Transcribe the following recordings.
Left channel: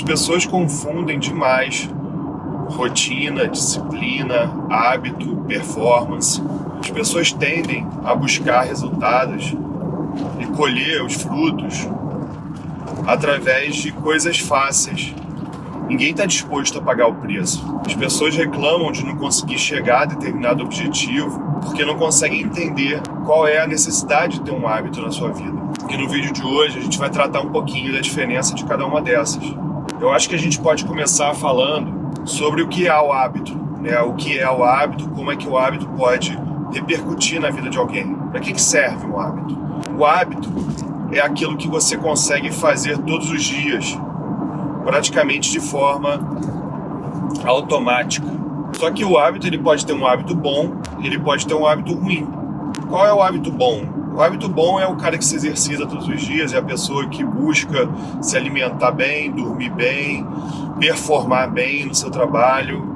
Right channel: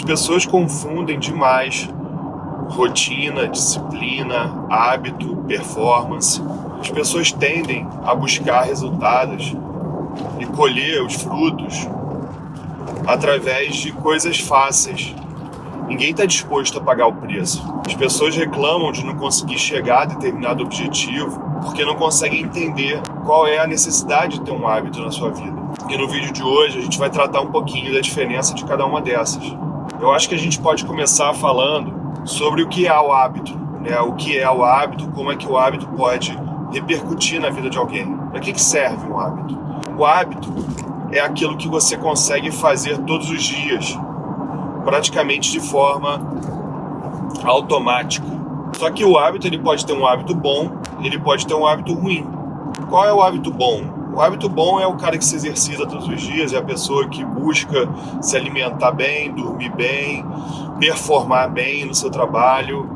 As pessoas confundem demais rotina, disciplina, hábito, performance. As pessoas tendem a buscar resultados e colher os frutos através de coisas fáceis. Ninguém está disposto a pagar o preço. As pessoas reclamam de não conseguir chegar a determinado objetivo porque não conseguem entender qual é a necessidade de ter um hábito na sua vida. E no vídeo de hoje a gente vai tratar um pouquinho da diferença de cada uma dessas. Eu acho que a gente pode começar falando sobre o que é o hábito, né? O que é o hábito, como é que o hábito pode repercutir na vida de alguém. Para que serve um hábito? O hábito é aquilo que você consegue fazer todos os dias, praticamente de forma automática. Só que o hábito, ele pode ter um hábito bom, ele pode ter um hábito ruim. Qual é o hábito bom? O hábito bom é o cara que se exercita todos os dias, é a pessoa que busca se alimentar bem, dormir bem, performar bem no seu trabalho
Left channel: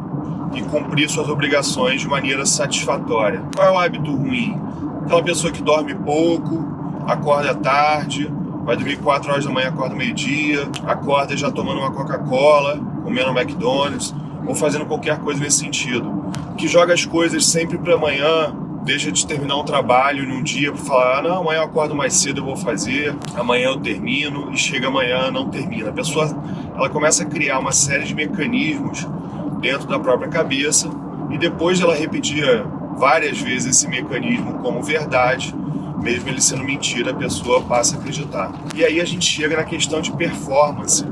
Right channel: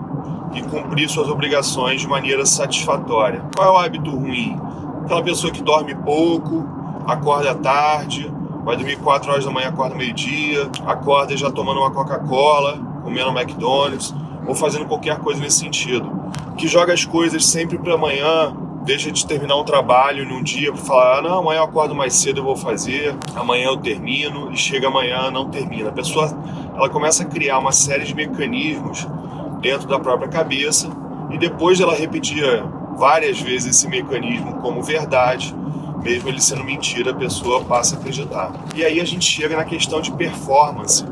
e cumprir suas obrigações de maneira satisfatória. Qual é o hábito ruim? Aquela pessoa que dorme pouco, acorda tarde, vai dormir 4 horas da manhã, acorda meio-dia, acorda já tomando uma Coca-Cola, comendo um McDonald's, ou fazendo qualquer coisa nesse sentido. Que joga as coisas sempre para amanhã, deixa de terminar um trabalho num dia para falar, não, amanhã eu acordo mais cedo, eu vou fazer, amanhã eu termino, e chega amanhã, não termina. A pessoa, ela começa a criar uma série de mecanismos dentro da própria cabeça, e depois de ela repetir várias vezes esse mecanismo como verdade, mesmo ele sendo mentira, a pessoa passa a acreditar. E aí a gente chega na questão de performance.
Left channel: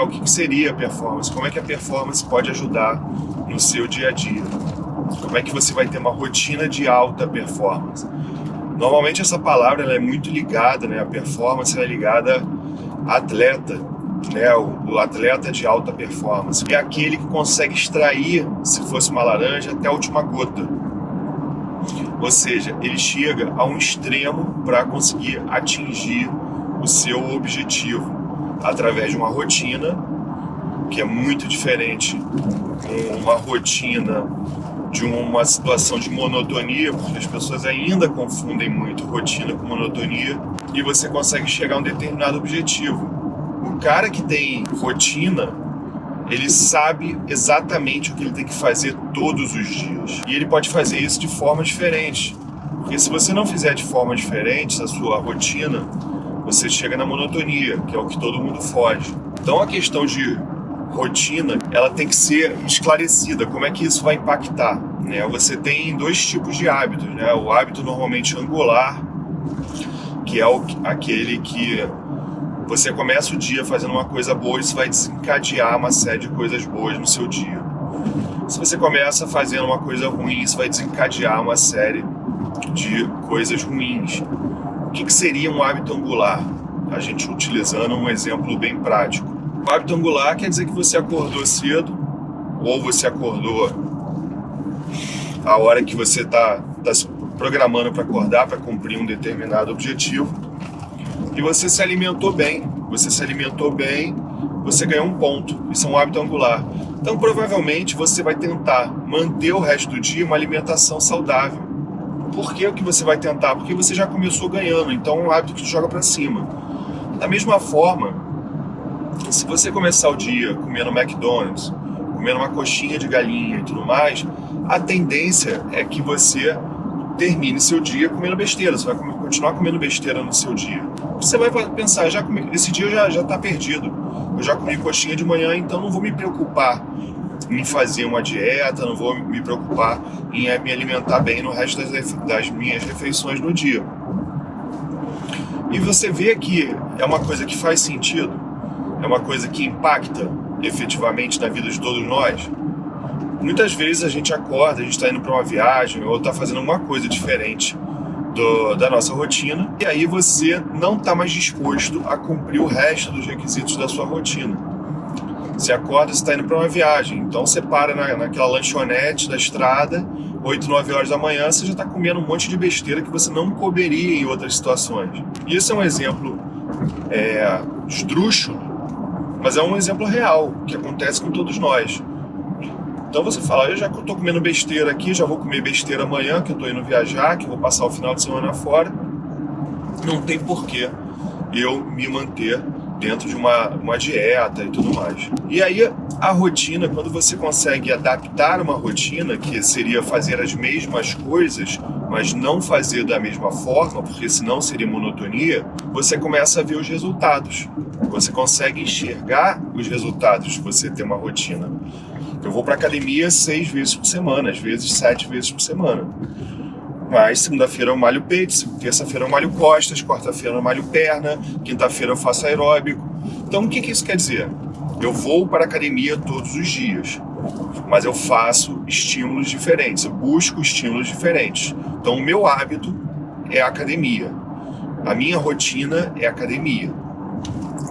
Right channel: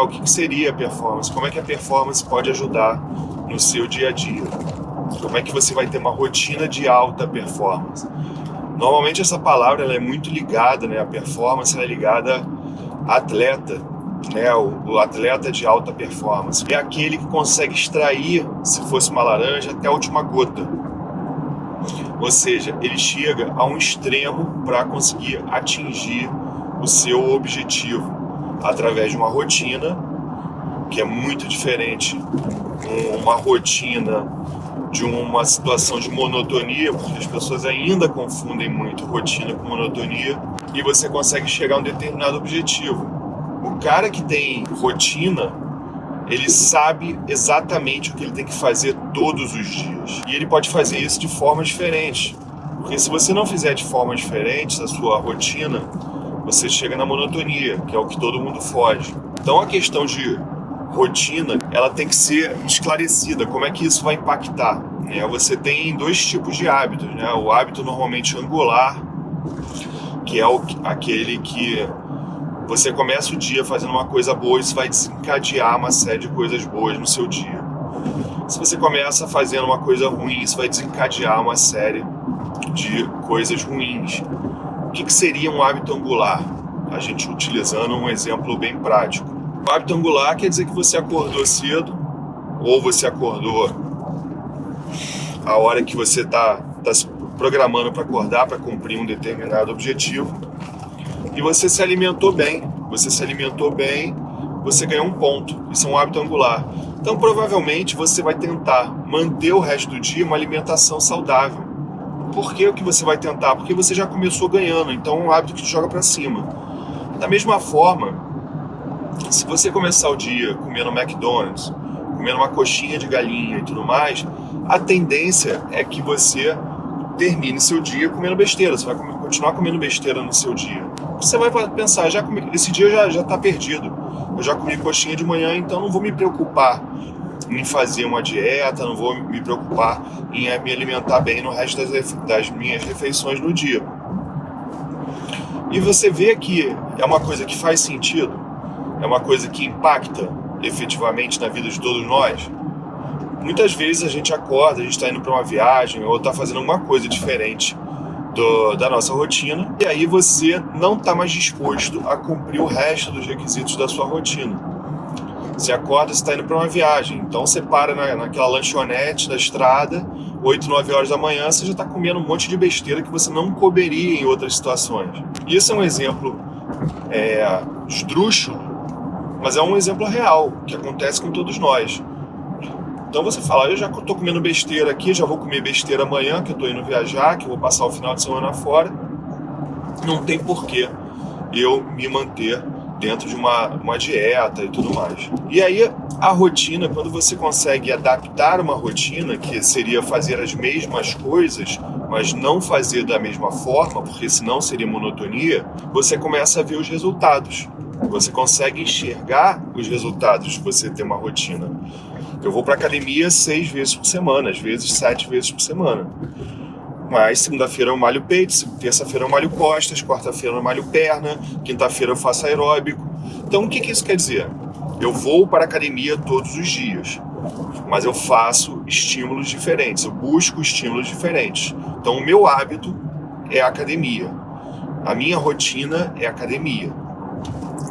O que seria a performance? Como é que a performance pode ajudar no seu dia a dia? Como é que você vai ter uma rotina de alta performance? Normalmente essa palavra ela é muito ligada, né? A performance ela é ligada a atleta, né? O atleta de alta performance. É aquele que consegue extrair, se fosse uma laranja, até a última gota. Ou seja, ele chega a um extremo para conseguir atingir o seu objetivo através de uma rotina que é muito diferente, uma rotina de uma situação de monotonia, porque as pessoas ainda confundem muito rotina com monotonia, e você consegue chegar a um determinado objetivo. O cara que tem rotina, ele sabe exatamente o que ele tem que fazer todos os dias. E ele pode fazer isso de forma diferente. Porque se você não fizer de forma diferente a sua rotina, você chega na monotonia, que é o que todo mundo foge. Então a questão de rotina, ela tem que ser esclarecida. Como é que isso vai impactar? Você tem 2 tipos de hábitos. O hábito normalmente angular, que é aquele que você começa o dia fazendo uma coisa boa, isso vai desencadear uma série de coisas boas no seu dia. Se você começa fazendo uma coisa ruim, isso vai desencadear uma série de coisas ruins. O que seria um hábito angular? A gente utilizando um exemplo bem prático. O hábito angular quer dizer que você acordou cedo, ou você acordou a hora que você está se programando para acordar, para cumprir um determinado objetivo, e você se alimentou bem. Você ganhou um ponto. Isso é um hábito angular. Então, provavelmente, você vai tentar manter o resto do dia uma alimentação saudável. Por que o que você vai tentar? Porque você já começou ganhando, então é um hábito que te joga para cima. Da mesma forma, se você começar o dia comendo McDonald's, comendo uma coxinha de galinha e tudo mais, a tendência é que você termine seu dia comendo besteira. Você vai continuar comendo besteira no seu dia. Você vai pensar, esse dia já está perdido. Eu já comi coxinha de manhã, então não vou me preocupar em fazer uma dieta, não vou me preocupar em me alimentar bem no resto das minhas refeições no dia. E você vê que é uma coisa que faz sentido, é uma coisa que impacta efetivamente na vida de todos nós. Muitas vezes a gente acorda, a gente está indo para uma viagem ou está fazendo alguma coisa diferente da nossa rotina, e aí você não está mais disposto a cumprir o resto dos requisitos da sua rotina. Você acorda, você está indo para uma viagem, então você para naquela lanchonete da estrada, 8, 9 horas da manhã, você já está comendo um monte de besteira que você não comeria em outras situações. Isso é um exemplo esdrúxulo, mas é um exemplo real, que acontece com todos nós. Então você fala, eu já estou comendo besteira aqui, já vou comer besteira amanhã, que eu estou indo viajar, que eu vou passar o final de semana fora. Não tem porquê eu me manter dentro de uma dieta e tudo mais. E aí a rotina, quando você consegue adaptar uma rotina, que seria fazer as mesmas coisas, mas não fazer da mesma forma, porque senão seria monotonia, você começa a ver os resultados. Você consegue enxergar os resultados de você ter uma rotina. Eu vou para academia 6 vezes por semana, às vezes 7 vezes por semana. Mas segunda-feira eu malho peito, terça-feira eu malho costas, quarta-feira eu malho perna, quinta-feira eu faço aeróbico. Então o que isso quer dizer? Eu vou para a academia todos os dias, mas eu faço estímulos diferentes, eu busco estímulos diferentes. Então o meu hábito é a academia, a minha rotina é a academia,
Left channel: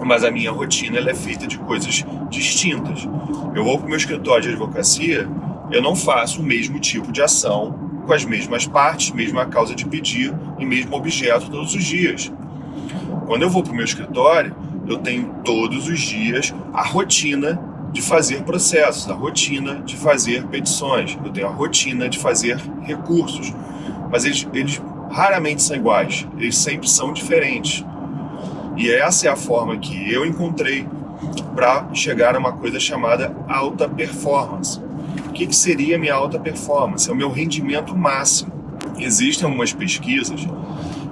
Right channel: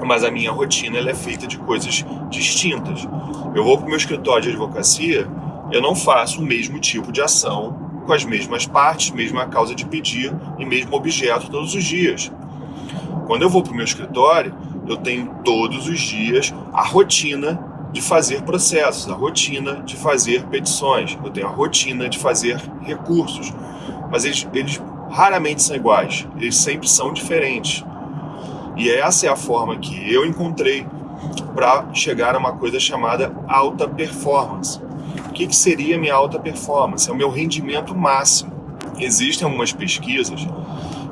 mas a minha rotina ela é feita de coisas distintas. Eu vou para o meu escritório de advocacia, eu não faço o mesmo tipo de ação, com as mesmas partes, mesma causa de pedido e mesmo objeto todos os dias. Quando eu vou para o meu escritório, eu tenho todos os dias a rotina de fazer processos, a rotina de fazer petições, eu tenho a rotina de fazer recursos, mas eles raramente são iguais, eles sempre são diferentes. E essa é a forma que eu encontrei para chegar a uma coisa chamada alta performance. O que seria a minha alta performance? É o meu rendimento máximo. Existem algumas pesquisas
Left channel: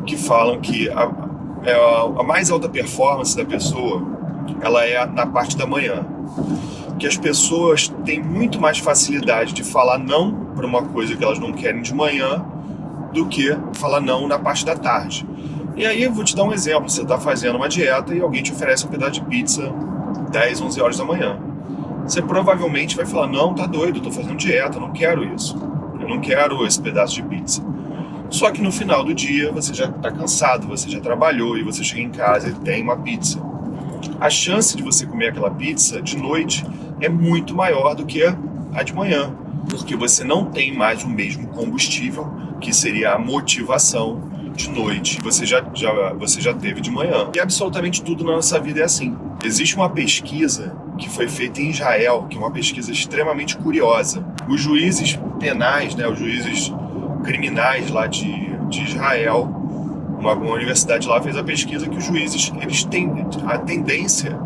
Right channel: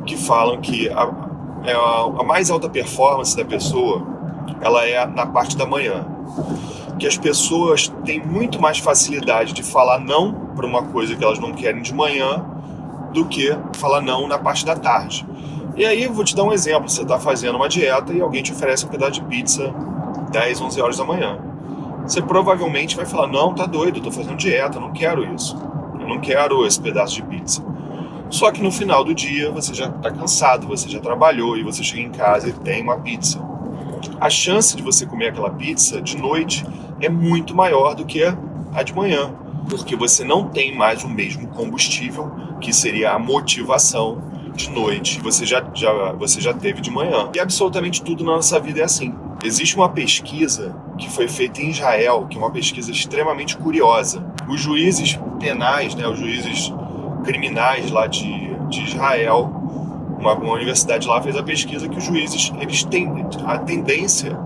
que falam que a mais alta performance da pessoa ela é na parte da manhã. Que as pessoas têm muito mais facilidade de falar não para uma coisa que elas não querem de manhã do que falar não na parte da tarde. E aí eu vou te dar um exemplo. Você está fazendo uma dieta e alguém te oferece um pedaço de pizza 10, 11 horas da manhã. Você provavelmente vai falar, não, tá doido, eu tô fazendo dieta, eu não quero isso. Eu não quero esse pedaço de pizza. Só que no final do dia, você já tá cansado, você já trabalhou e você chega em casa e tem uma pizza. A chance de você comer aquela pizza de noite é muito maior do que a de manhã, porque você não tem mais o mesmo combustível, que seria a motivação de noite, você já teve de manhã. E absolutamente tudo na nossa vida é assim. Existe uma pesquisa que foi feita em Israel, que é uma pesquisa extremamente curiosa. Os juízes penais, os juízes criminais lá de Israel, uma universidade lá fez a pesquisa que os juízes, a tendência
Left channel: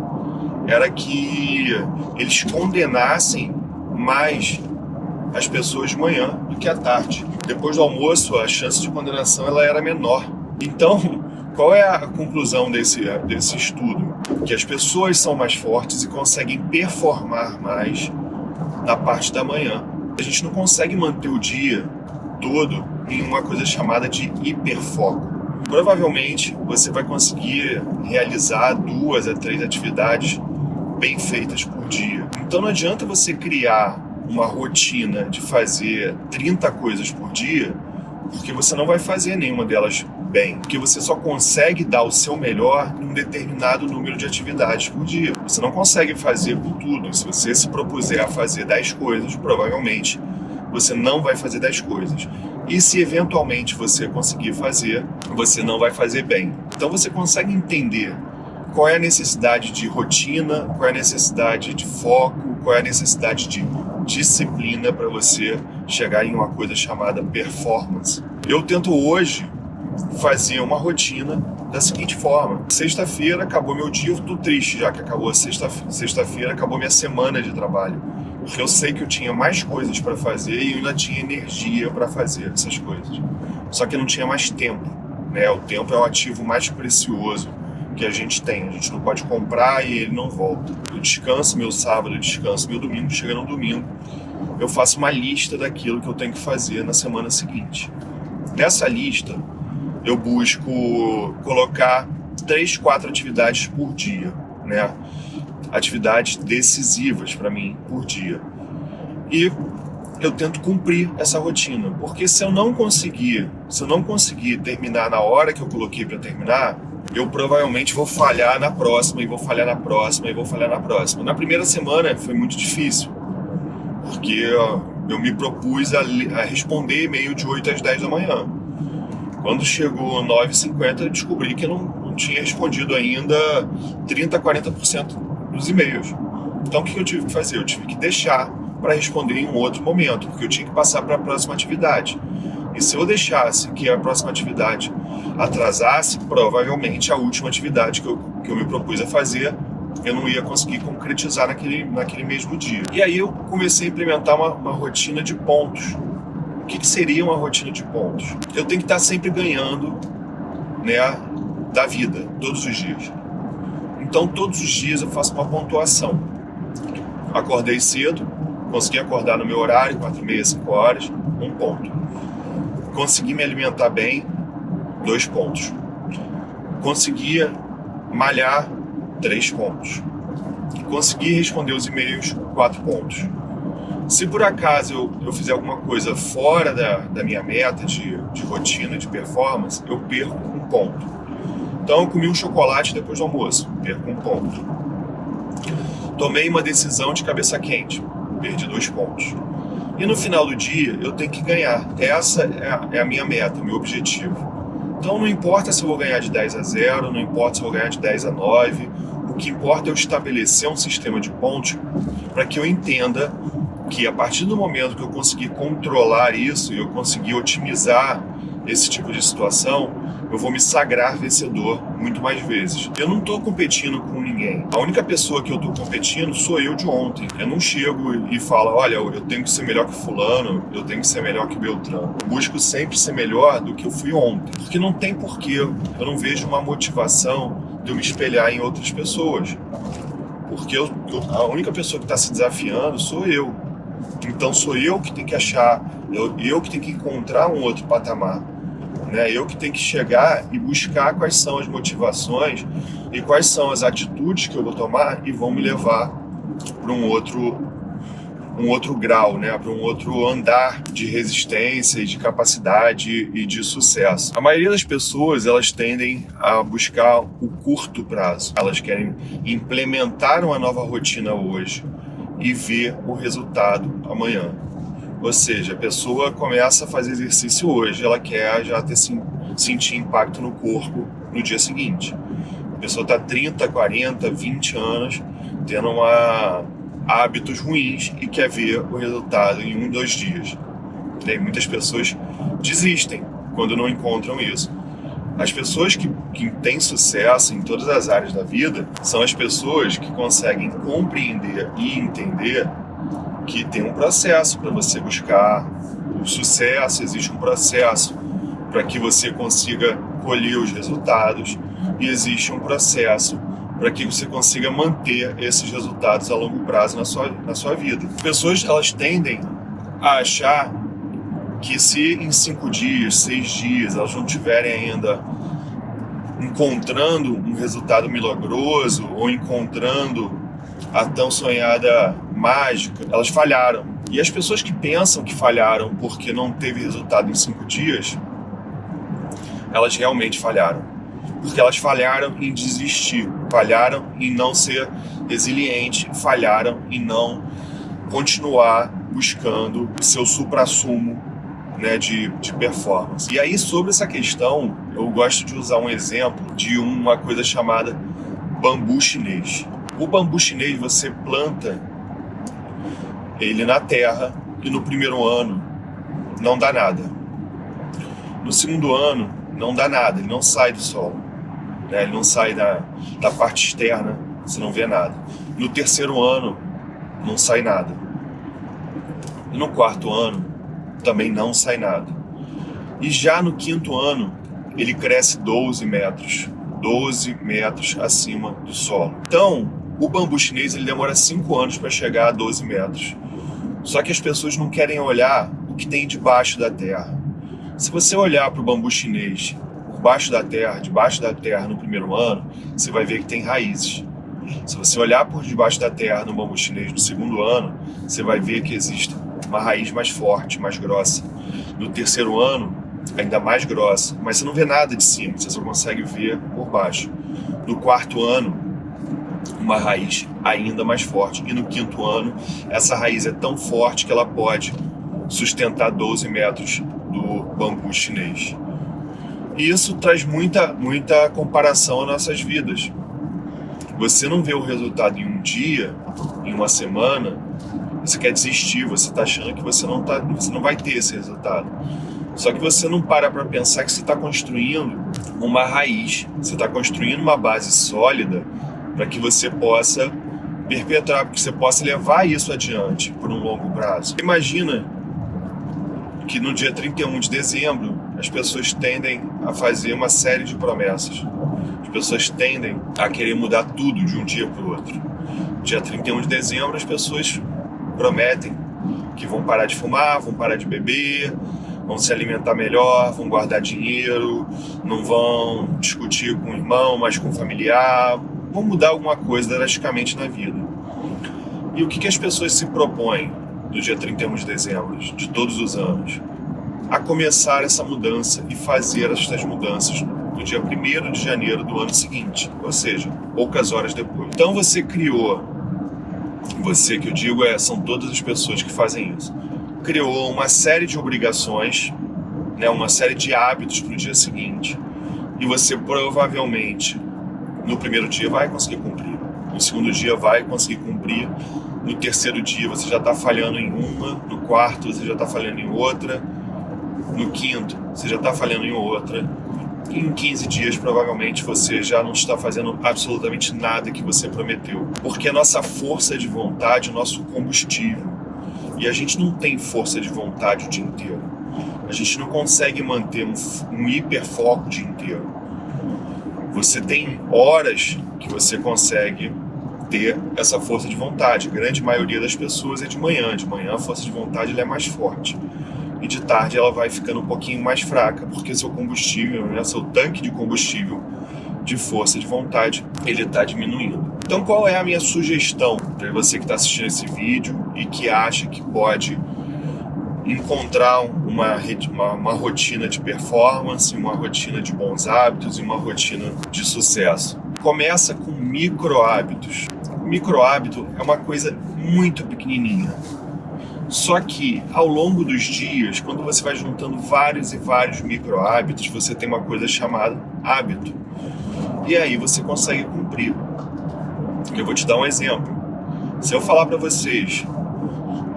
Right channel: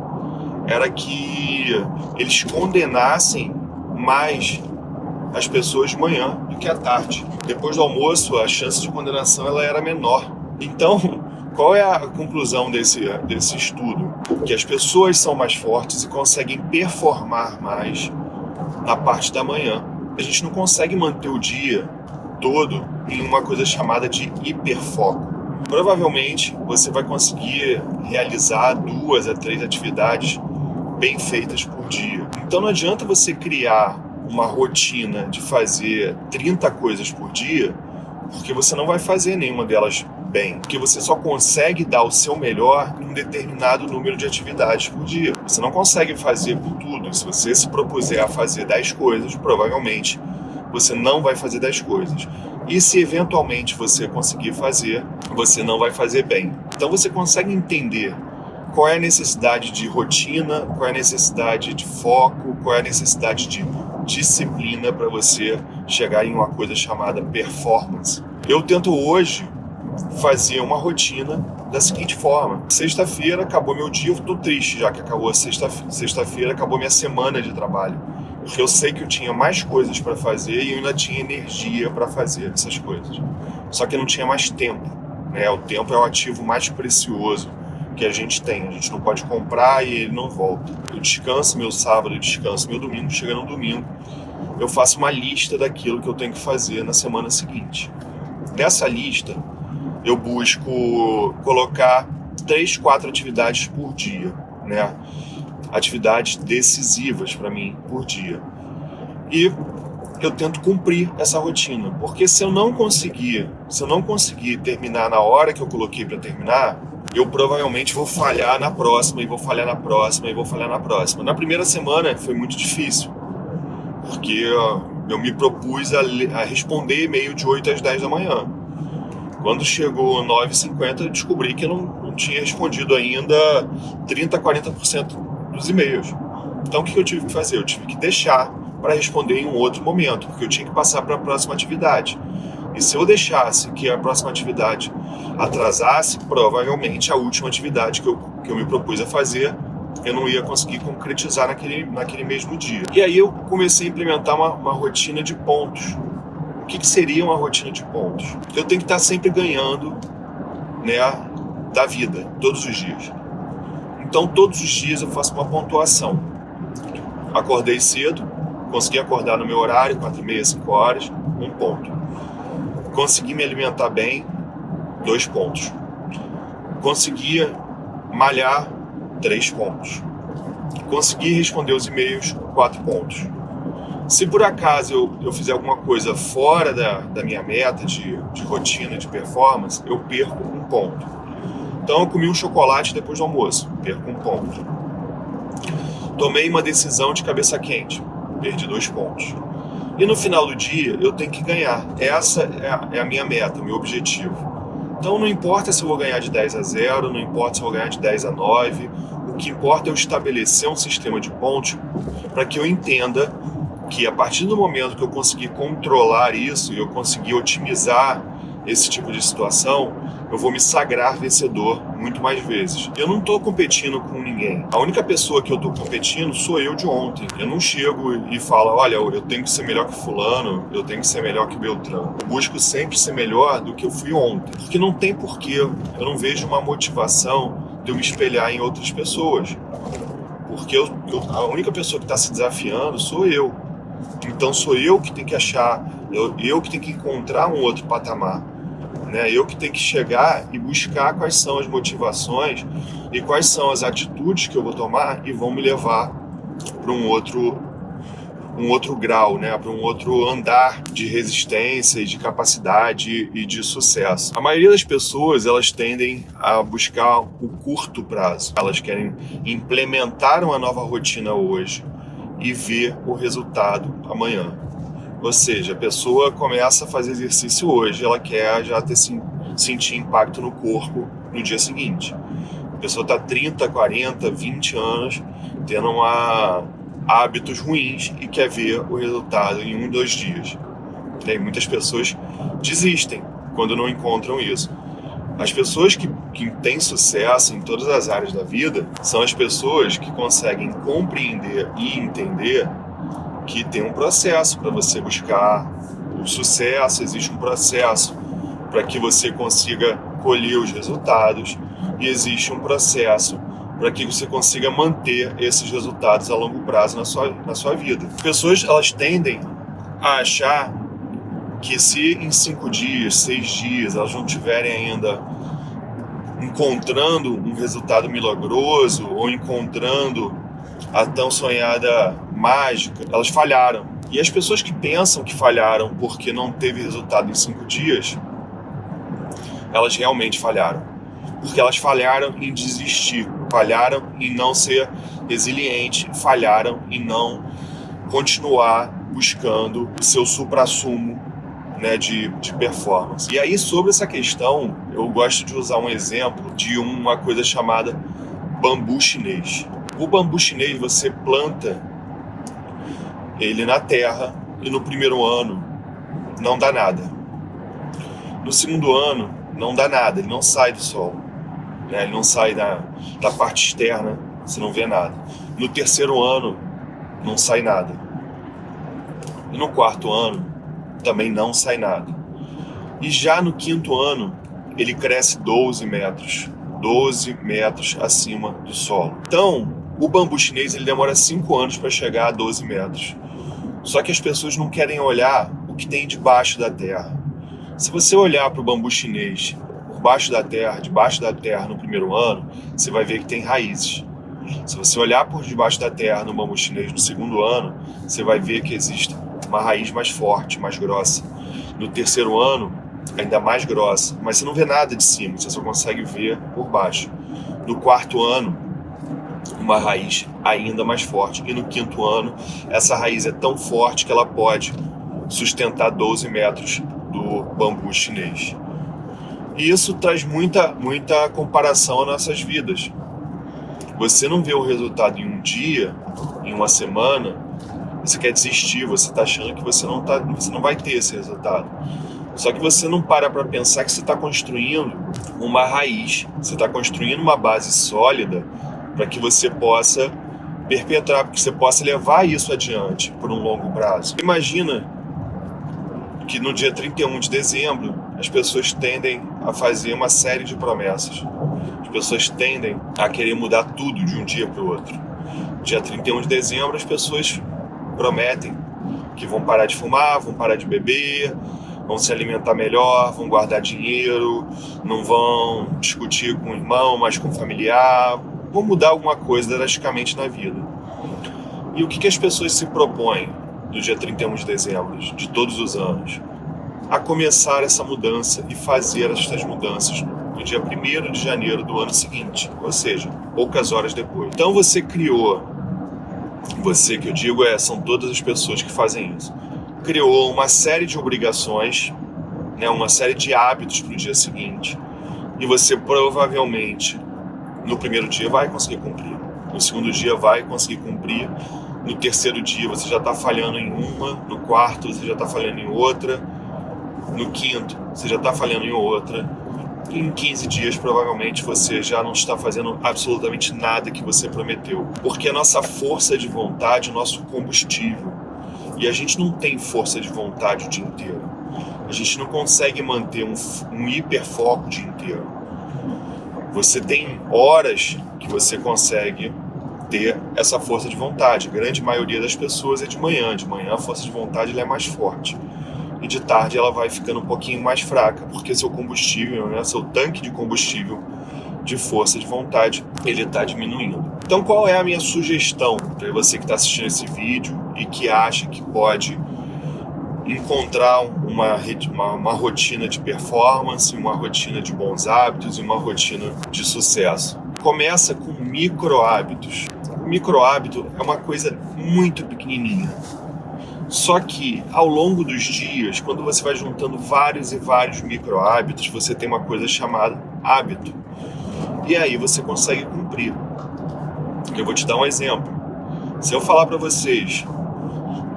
era que eles condenassem mais as pessoas de manhã do que à tarde. Depois do almoço, a chance de condenação ela era menor. Então, qual é a conclusão desse estudo? Que as pessoas são mais fortes e conseguem performar mais na parte da manhã. A gente não consegue manter o dia todo em uma coisa chamada de hiperfoco. Provavelmente, você vai conseguir realizar 2 a 3 atividades bem feitas por dia. Então, não adianta você criar uma rotina de fazer 30 coisas por dia, porque você não vai fazer nenhuma delas bem, porque você só consegue dar o seu melhor em um determinado número de atividades por dia. Você não consegue fazer por tudo. Se você se propuser a fazer 10 coisas, provavelmente você não vai fazer 10 coisas. E se eventualmente você conseguir fazer, você não vai fazer bem. Então você consegue entender qual é a necessidade de rotina, qual é a necessidade de foco, qual é a necessidade de disciplina para você chegar em uma coisa chamada performance. Eu tento hoje fazer uma rotina da seguinte forma: sexta-feira acabou meu dia, eu estou triste já que acabou a sexta-feira, acabou minha semana de trabalho, porque eu sei que eu tinha mais coisas para fazer e eu ainda tinha energia para fazer essas coisas, só que eu não tinha mais tempo, O tempo é o ativo mais precioso que a gente tem, a gente não pode comprar e ele não volta. Eu descanso meu sábado, eu descanso meu domingo, chega no domingo, eu faço uma lista daquilo que eu tenho que fazer na semana seguinte. Nessa lista, eu busco colocar 3, 4 atividades por dia, Atividades decisivas para mim por dia. E eu tento cumprir essa rotina, porque se eu não conseguir terminar na hora que eu coloquei para terminar, eu provavelmente vou falhar na próxima, e vou falhar na próxima, e vou falhar na próxima. Na primeira semana foi muito difícil, porque eu me propus a responder e-mail de 8 às 10 da manhã. Quando chegou 9h50, eu descobri que eu não tinha respondido ainda 30%, 40% dos e-mails. Então o que eu tive que fazer? Eu tive que deixar para responder em um outro momento, porque eu tinha que passar para a próxima atividade. E se eu deixasse que a próxima atividade atrasasse, provavelmente a última atividade que eu me propus a fazer, eu não ia conseguir concretizar naquele mesmo dia. E aí eu comecei a implementar uma rotina de pontos. O que seria uma rotina de pontos? Eu tenho que estar sempre ganhando, né, da vida, todos os dias. Então, todos os dias eu faço uma pontuação. Acordei cedo, consegui acordar no meu horário, 4h30, 5 horas, 1 ponto. Consegui me alimentar bem, 2 pontos. Consegui malhar, 3 pontos. Consegui responder os e-mails, 4 pontos. Se por acaso eu fizer alguma coisa fora da minha meta de rotina, de performance, eu perco 1 ponto. Então eu comi um chocolate depois do almoço, perco 1 ponto. Tomei uma decisão de cabeça quente, perdi 2 pontos. E no final do dia eu tenho que ganhar. Essa é a minha meta, o meu objetivo. Então não importa se eu vou ganhar de 10-0, não importa se eu vou ganhar de 10-9, o que importa é eu estabelecer um sistema de pontos para que eu entenda que a partir do momento que eu conseguir controlar isso e eu conseguir otimizar esse tipo de situação, eu vou me sagrar vencedor muito mais vezes. Eu não estou competindo com ninguém. A única pessoa que eu estou competindo sou eu de ontem. Eu não chego e falo, olha, eu tenho que ser melhor que fulano, eu tenho que ser melhor que Beltrano. Eu busco sempre ser melhor do que eu fui ontem. Porque não tem porquê. Eu não vejo uma motivação de eu me espelhar em outras pessoas. Porque a única pessoa que está se desafiando sou eu. Então sou eu que tenho que achar, eu que tenho que encontrar um outro patamar. Né? Eu que tenho que chegar e buscar quais são as motivações e quais são as atitudes que eu vou tomar e vão me levar para um outro grau, né? Para um outro andar de resistência e de capacidade e de sucesso. A maioria das pessoas, elas tendem a buscar o curto prazo. Elas querem implementar uma nova rotina hoje e ver o resultado amanhã. Ou seja, a pessoa começa a fazer exercício hoje, ela quer já sentir impacto no corpo no dia seguinte. A pessoa está 30, 40, 20 anos tendo hábitos ruins e quer ver o resultado em 1, 2 dias. E muitas pessoas desistem quando não encontram isso. As pessoas que têm sucesso em todas as áreas da vida são as pessoas que conseguem compreender e entender que tem um processo para você buscar o sucesso, existe um processo para que você consiga colher os resultados e existe um processo para que você consiga manter esses resultados a longo prazo na sua vida. As pessoas, elas tendem a achar que se em 5 dias, 6 dias, elas não tiverem ainda encontrando um resultado milagroso ou encontrando a tão sonhada mágica, elas falharam. E as pessoas que pensam que falharam porque não teve resultado em 5 dias, elas realmente falharam. Porque elas falharam em desistir, falharam em não ser resiliente, falharam em não continuar buscando o seu suprassumo, né, de performance. E aí, sobre essa questão, eu gosto de usar um exemplo de uma coisa chamada bambu chinês. O bambu chinês, você planta ele na terra e no primeiro ano não dá nada. No segundo ano não dá nada, ele não sai do solo, né? Ele não sai da parte externa, você não vê nada. No terceiro ano não sai nada. E no quarto ano também não sai nada. E já no quinto ano ele cresce 12 metros acima do solo. Então, o bambu chinês ele demora 5 anos para chegar a 12 metros. Só que as pessoas não querem olhar o que tem debaixo da terra. Se você olhar para o bambu chinês por baixo da terra, debaixo da terra no primeiro ano, você vai ver que tem raízes. Se você olhar por debaixo da terra no bambu chinês no segundo ano, você vai ver que existe uma raiz mais forte, mais grossa. No terceiro ano, ainda mais grossa, mas você não vê nada de cima, você só consegue ver por baixo. No quarto ano, uma raiz ainda mais forte. E no quinto ano, essa raiz é tão forte que ela pode sustentar 12 metros do bambu chinês. E isso traz muita comparação às nossas vidas. Você não vê o resultado em um dia, em uma semana, você quer desistir, você está achando que você não vai ter esse resultado. Só que você não para pensar que você está construindo uma raiz, você está construindo uma base sólida para que você possa perpetrar, para que você possa levar isso adiante por um longo prazo. Imagina que no dia 31 de dezembro as pessoas tendem a fazer uma série de promessas. As pessoas tendem a querer mudar tudo de um dia para o outro. Dia 31 de dezembro as pessoas prometem que vão parar de fumar, vão parar de beber, vão se alimentar melhor, vão guardar dinheiro, não vão discutir com o irmão, mas com o familiar, vão mudar alguma coisa drasticamente na vida. E o que as pessoas se propõem no dia 31 de dezembro de todos os anos? A começar essa mudança e fazer essas mudanças no dia 1º de janeiro do ano seguinte, ou seja, poucas horas depois. Então você criou, você que eu digo são todas as pessoas que fazem isso, criou uma série de obrigações, né, uma série de hábitos para o dia seguinte, e você provavelmente no primeiro dia vai conseguir cumprir, no segundo dia vai conseguir cumprir, no terceiro dia você já está falhando em uma, no quarto você já está falhando em outra, no quinto você já está falhando em outra, e em 15 dias provavelmente você já não está fazendo absolutamente nada que você prometeu, porque a nossa força de vontade, o nosso combustível, e a gente não tem força de vontade o dia inteiro, a gente não consegue manter um hiperfoco o dia inteiro. Você tem horas que você consegue ter essa força de vontade. A grande maioria das pessoas é de manhã. De manhã a força de vontade ela é mais forte. E de tarde ela vai ficando um pouquinho mais fraca, porque seu combustível, né, seu tanque de combustível de força de vontade, ele está diminuindo. Então qual é a minha sugestão para você que está assistindo esse vídeo e que acha que pode encontrar uma rotina de performance, uma rotina de bons hábitos e uma rotina de sucesso? Começa com micro hábitos. Micro hábito é uma coisa muito pequenininha. Só que ao longo dos dias, quando você vai juntando vários e vários micro hábitos, você tem uma coisa chamada hábito. E aí você consegue cumprir. Eu vou te dar um exemplo. Se eu falar para vocês,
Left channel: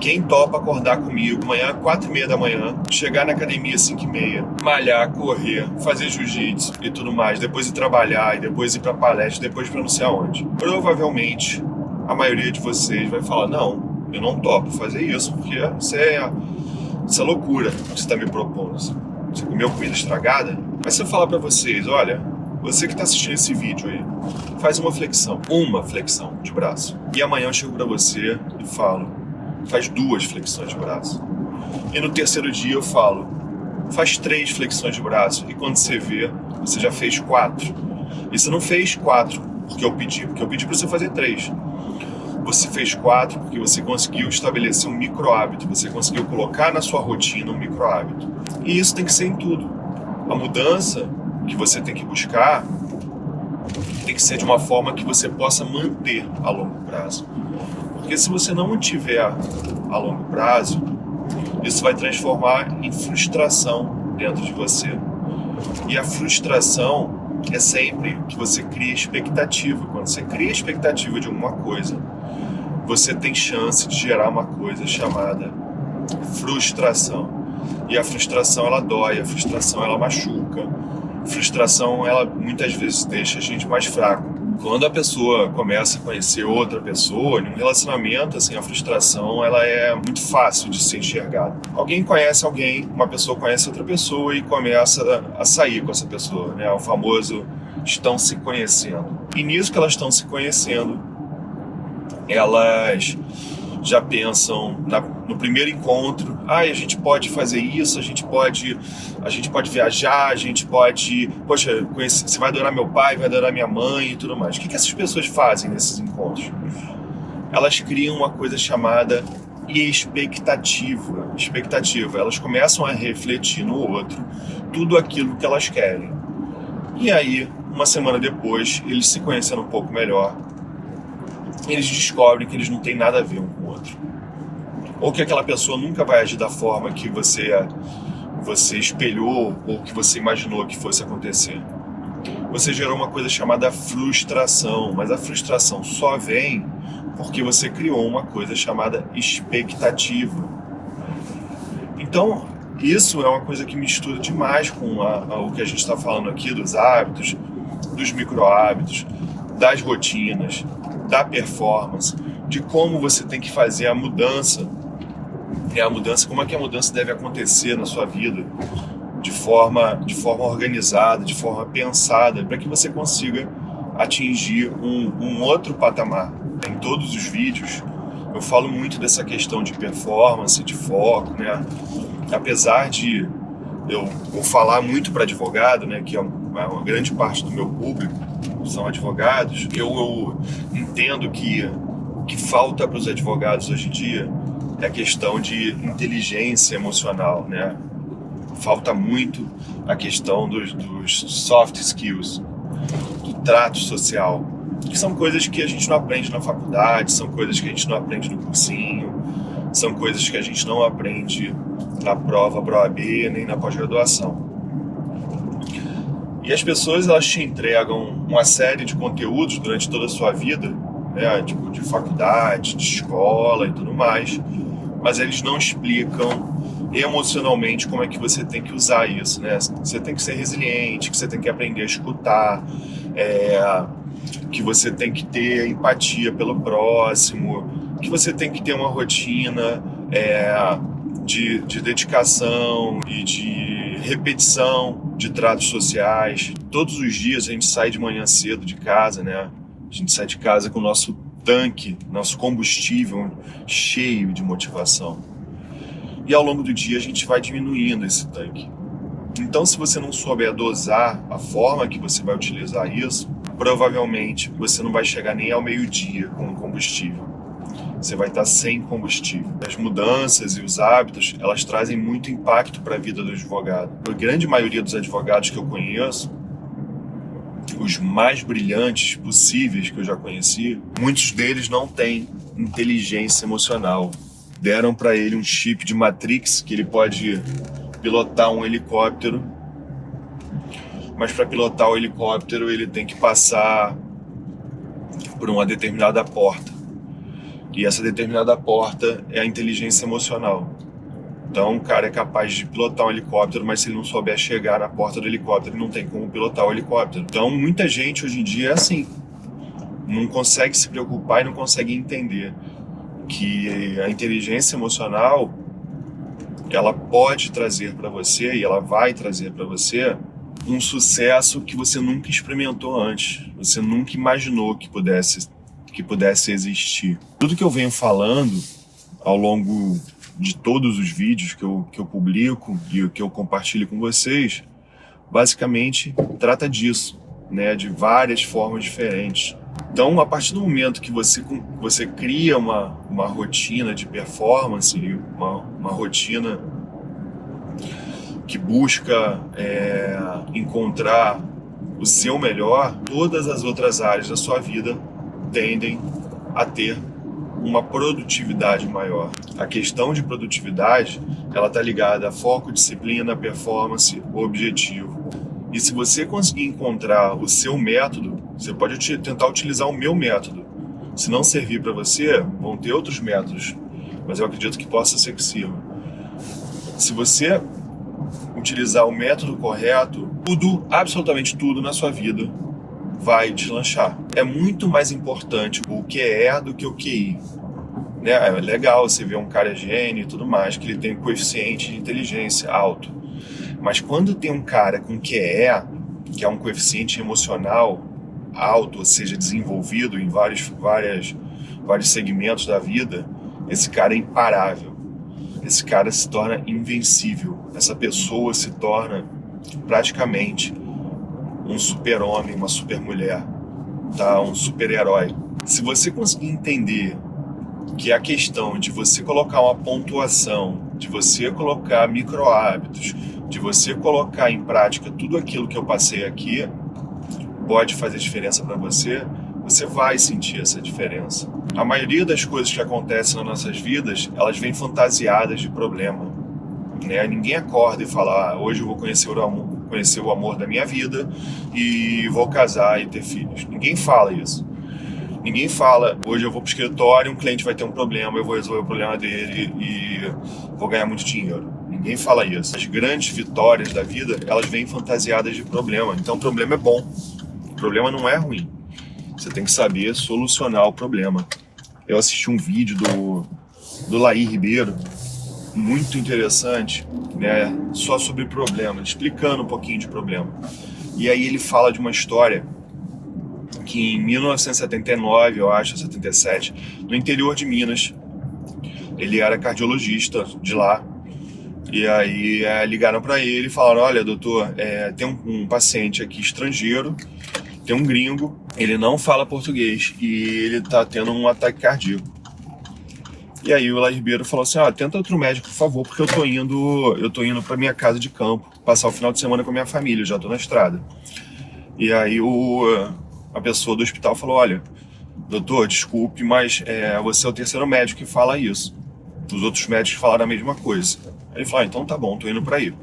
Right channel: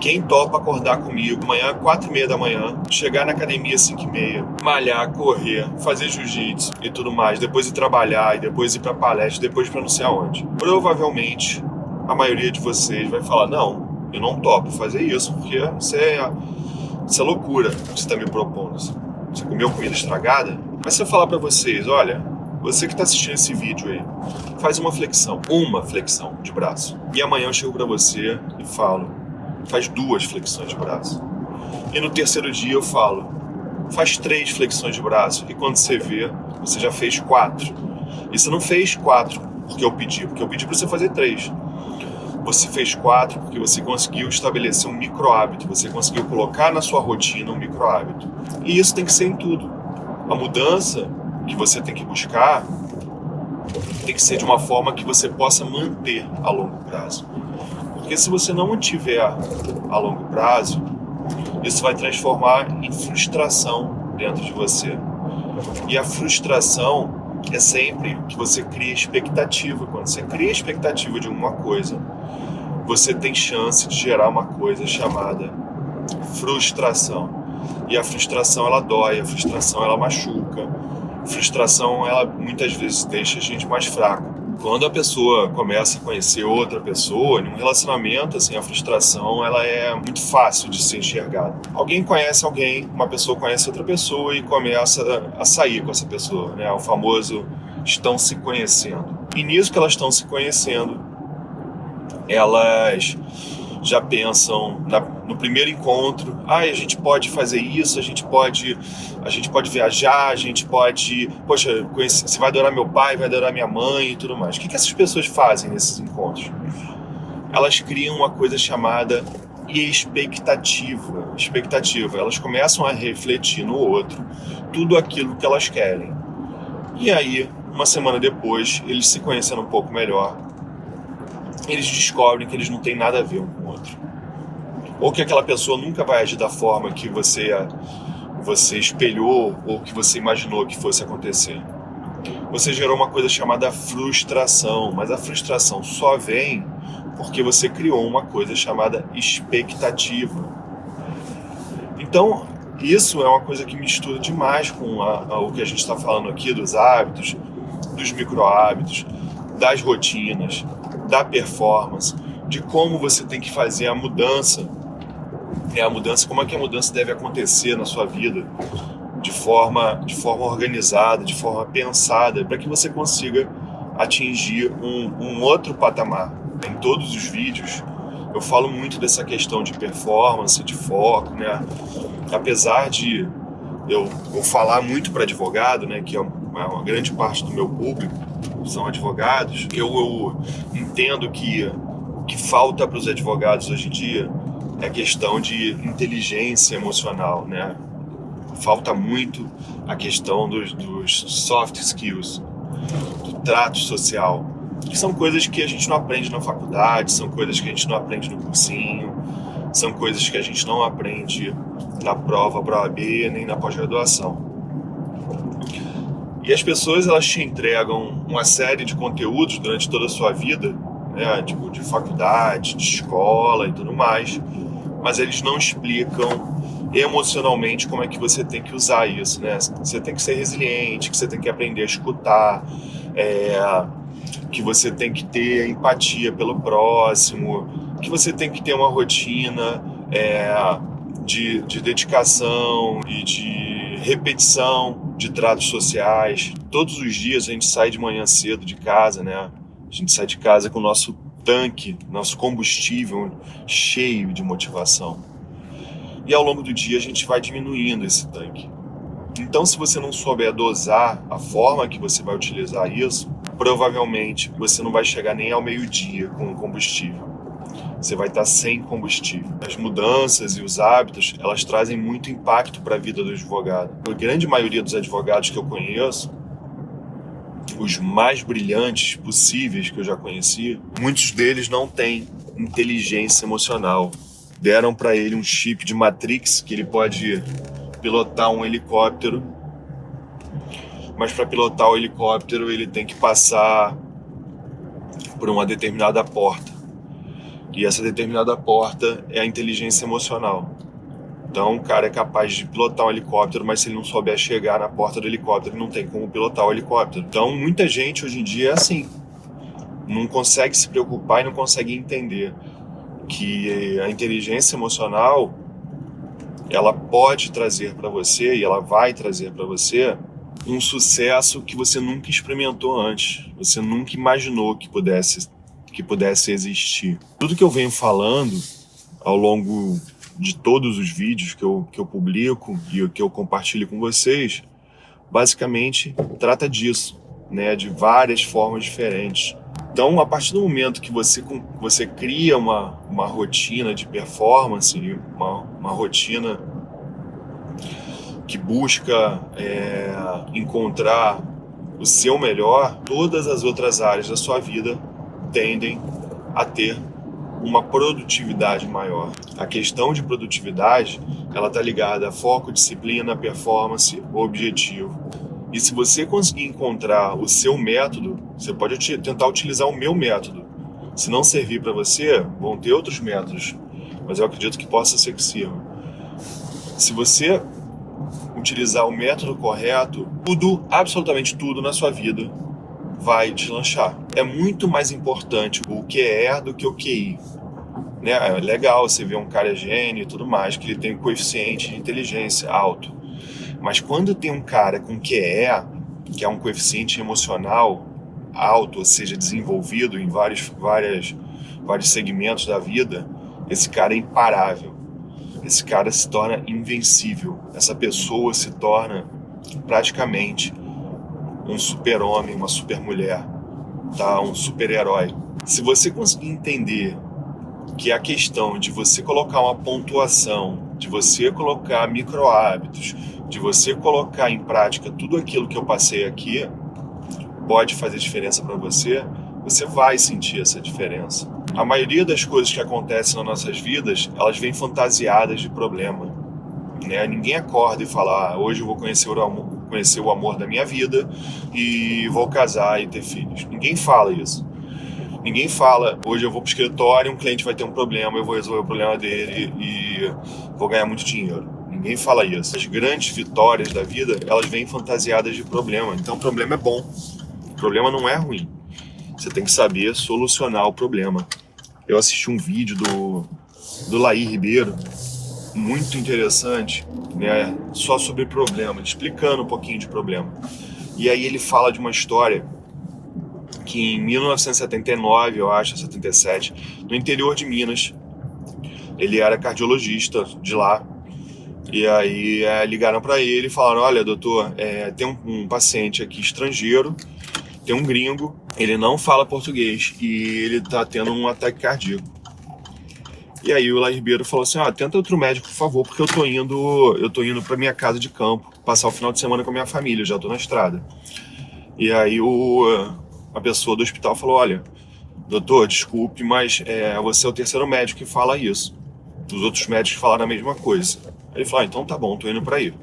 quem topa acordar comigo amanhã, 4h30 da manhã, chegar na academia 5h30, malhar, correr, fazer jiu-jitsu e tudo mais, depois ir trabalhar, e depois ir para palestra, depois para não sei aonde. Provavelmente, a maioria de vocês vai falar, não, eu não topo fazer isso, porque isso é loucura que você está me propondo. Você comeu comida estragada? Mas se eu falar para vocês, olha, você que está assistindo esse vídeo aí, faz uma flexão de braço. E amanhã eu chego para você e falo, faz 2 flexões de braço. E no terceiro dia eu falo, faz 3 flexões de braço. E quando você vê, você já fez 4. E você não fez 4 porque eu pedi para você fazer 3. Você fez 4 porque você conseguiu estabelecer um micro hábito, você conseguiu colocar na sua rotina um micro hábito. E isso tem que ser em tudo. A mudança que você tem que buscar tem que ser de uma forma que você possa manter a longo prazo. Porque se você não mantiver a longo prazo, isso vai transformar em frustração dentro de você. E a frustração é sempre que você cria expectativa. Quando você cria expectativa de alguma coisa, você tem chance de gerar uma coisa chamada frustração. E a frustração, ela dói, a frustração, ela machuca. A frustração, ela muitas vezes deixa a gente mais fraco. Quando a pessoa começa a conhecer outra pessoa, em um relacionamento, assim, a frustração, ela é muito fácil de ser enxergada. Alguém conhece alguém, uma pessoa conhece outra pessoa e começa a sair com essa pessoa, né? O famoso estão se conhecendo. E nisso que elas estão se conhecendo, elas já pensam no primeiro encontro, a gente pode fazer isso, a gente pode viajar, a gente pode, poxa, você vai adorar meu pai, vai adorar minha mãe e tudo mais. O que essas pessoas fazem nesses encontros? Elas criam uma coisa chamada expectativa. Elas começam a refletir no outro tudo aquilo que elas querem. E aí, uma semana depois, eles se conhecendo um pouco melhor, eles descobrem que eles não têm nada a ver um com o outro. Ou que aquela pessoa nunca vai agir da forma que você espelhou ou que você imaginou que fosse acontecer. Você gerou uma coisa chamada frustração, mas a frustração só vem porque você criou uma coisa chamada expectativa. Então, Isso é uma coisa que mistura demais com o que a gente está falando aqui, dos hábitos, dos micro-hábitos, das rotinas, da performance, de como você tem que fazer a mudança, como é que a mudança deve acontecer na sua vida, de forma organizada, de forma pensada, para que você consiga atingir um outro patamar. Em todos os vídeos eu falo muito dessa questão de performance, de foco, né? Apesar de eu vou falar muito para advogado, né, que é uma grande parte do meu público são advogados, eu entendo que o que falta para os advogados hoje em dia é a questão de inteligência emocional, né? Falta muito a questão dos soft skills, do trato social, que são coisas que a gente não aprende na faculdade, são coisas que a gente não aprende no cursinho, são coisas que a gente não aprende na prova para OAB, nem na pós-graduação. E as pessoas, elas te entregam uma série de conteúdos durante toda a sua vida, né, tipo de faculdade, de escola e tudo mais, mas eles não explicam emocionalmente como é que você tem que usar isso, né? Você tem que ser resiliente, que você tem que aprender a escutar, que você tem que ter empatia pelo próximo, que você tem que ter uma rotina de dedicação e de repetição de tratos sociais. Todos os dias a gente sai de manhã cedo de casa, né? A gente sai de casa com o nosso tanque, nosso combustível cheio de motivação. E ao longo do dia a gente vai diminuindo esse tanque. Então, se você não souber dosar a forma que você vai utilizar isso, provavelmente você não vai chegar nem ao meio-dia com o combustível. Você vai estar sem combustível. As mudanças e os hábitos, elas trazem muito impacto para a vida do advogado. A grande maioria dos advogados que eu conheço, os mais brilhantes possíveis que eu já conheci, muitos deles não têm inteligência emocional. Deram para ele um chip de Matrix que ele pode pilotar um helicóptero, mas para pilotar o helicóptero ele tem que passar por uma determinada porta. E essa determinada porta é a inteligência emocional. Então o cara é capaz de pilotar um helicóptero, mas se ele não souber chegar na porta do helicóptero, não tem como pilotar o helicóptero. Então muita gente hoje em dia é assim. Não consegue se preocupar e não consegue entender que a inteligência emocional, ela pode trazer para você, e ela vai trazer para você, um sucesso que você nunca experimentou antes. Você nunca imaginou que pudesse existir. Tudo que eu venho falando ao longo de todos os vídeos que eu publico e que eu compartilho com vocês, basicamente trata disso, né, de várias formas diferentes. Então, a partir do momento que você cria uma rotina de performance, uma rotina que busca encontrar o seu melhor, todas as outras áreas da sua vida tendem a ter uma produtividade maior. A questão de produtividade, ela está ligada a foco, disciplina, performance, objetivo. E se você conseguir encontrar o seu método, você pode tentar utilizar o meu método. Se não servir para você, vão ter outros métodos, mas eu acredito que possa ser que sirva. Se você utilizar o método correto, absolutamente tudo na sua vida vai deslanchar. É muito mais importante o QE do que o QI. Né? É legal você ver um cara gênio e tudo mais, que ele tem um coeficiente de inteligência alto. Mas quando tem um cara com QE, que é um coeficiente emocional alto, ou seja, desenvolvido em vários segmentos da vida, esse cara é imparável. Esse cara se torna invencível. Essa pessoa se torna praticamente um super-homem, uma super-mulher, tá? Um super-herói. Se você conseguir entender que a questão de você colocar uma pontuação, de você colocar micro-hábitos, de você colocar em prática tudo aquilo que eu passei aqui, pode fazer diferença para você, você vai sentir essa diferença. A maioria das coisas que acontecem nas nossas vidas, elas vêm fantasiadas de problema. Né? Ninguém acorda e fala, hoje eu vou conhecer o amor da minha vida e vou casar e ter filhos. Ninguém fala isso. Ninguém fala, hoje eu vou pro escritório, um cliente vai ter um problema, eu vou resolver o problema dele e vou ganhar muito dinheiro. Ninguém fala isso. As grandes vitórias da vida, elas vêm fantasiadas de problema. Então o problema é bom. O problema não é ruim. Você tem que saber solucionar o problema. Eu assisti um vídeo do Laí Ribeiro, muito interessante, né? Só sobre problema, explicando um pouquinho de problema. E aí ele fala de uma história que em 1979, eu acho, 77, no interior de Minas, ele era cardiologista de lá, e aí ligaram para ele e falaram, olha, doutor, tem um paciente aqui estrangeiro, tem um gringo, ele não fala português e ele tá tendo um ataque cardíaco. E aí o Laí Ribeiro falou assim, tenta outro médico, por favor, porque eu tô indo para minha casa de campo, passar o final de semana com a minha família, eu já tô na estrada. E aí a pessoa do hospital falou, olha, doutor, desculpe, mas você é o terceiro médico que fala isso. Os outros médicos falaram a mesma coisa. Ele falou, então tá bom, tô indo pra aí.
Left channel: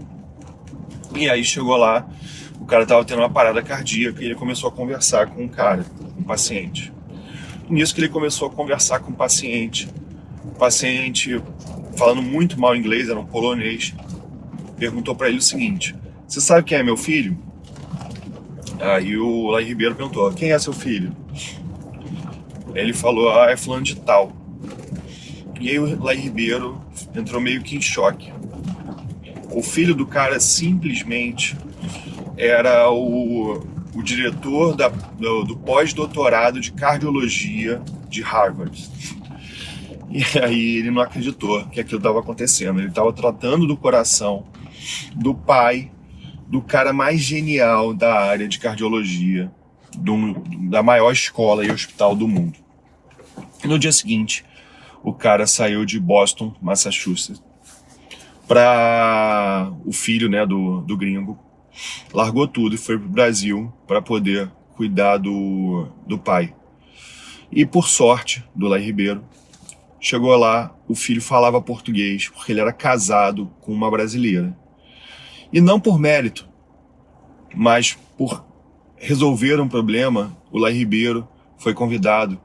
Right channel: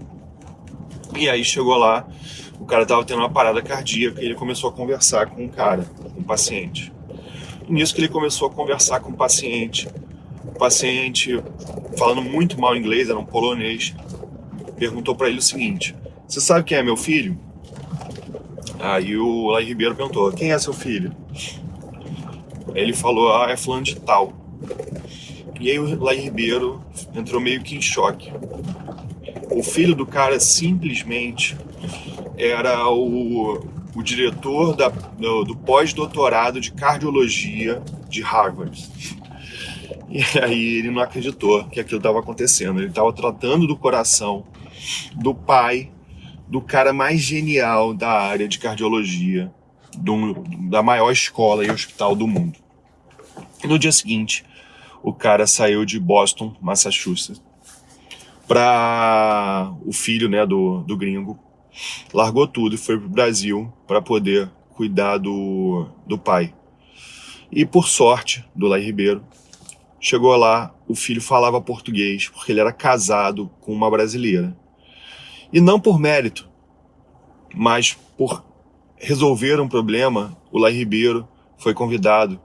E aí chegou lá, o cara tava tendo uma parada cardíaca e ele começou a conversar com o paciente. E nisso que ele começou a conversar com o paciente falando muito mal inglês, era um polonês, perguntou pra ele o seguinte, você sabe quem é meu filho? Aí o Laí Ribeiro perguntou, quem é seu filho? Ele falou, é fulano de tal. E aí o Laí Ribeiro entrou meio que em choque. O filho do cara simplesmente era o diretor do pós-doutorado de cardiologia de Harvard. E aí ele não acreditou que aquilo estava acontecendo. Ele estava tratando do coração do pai do cara mais genial da área de cardiologia, da maior escola e hospital do mundo. E no dia seguinte, o cara saiu de Boston, Massachusetts, para o filho, né, do gringo, largou tudo e foi pro Brasil para poder cuidar do pai. E por sorte do Laí Ribeiro, chegou lá, o filho falava português, porque ele era casado com uma brasileira. E não por mérito, mas por resolver um problema, o Laí Ribeiro foi convidado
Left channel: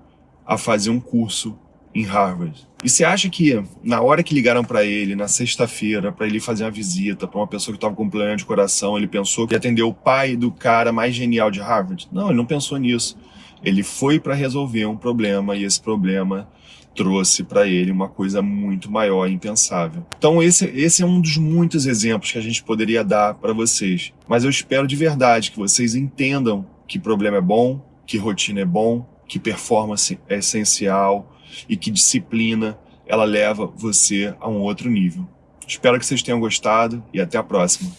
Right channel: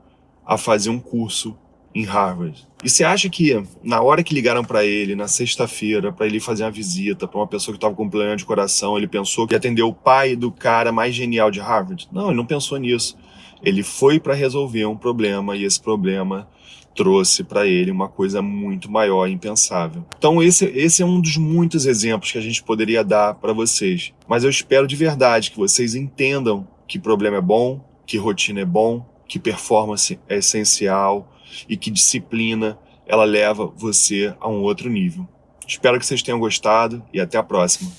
a fazer um curso em Harvard. E você acha que na hora que ligaram para ele, na sexta-feira, para ele fazer uma visita para uma pessoa que estava com problema de coração, ele pensou que ia atender o pai do cara mais genial de Harvard? Não, ele não pensou nisso. Ele foi para resolver um problema e esse problema trouxe para ele uma coisa muito maior e impensável. Então esse é um dos muitos exemplos que a gente poderia dar para vocês. Mas eu espero de verdade que vocês entendam que problema é bom, que rotina é bom, que performance é essencial e que disciplina ela leva você a um outro nível. Espero que vocês tenham gostado e até a próxima.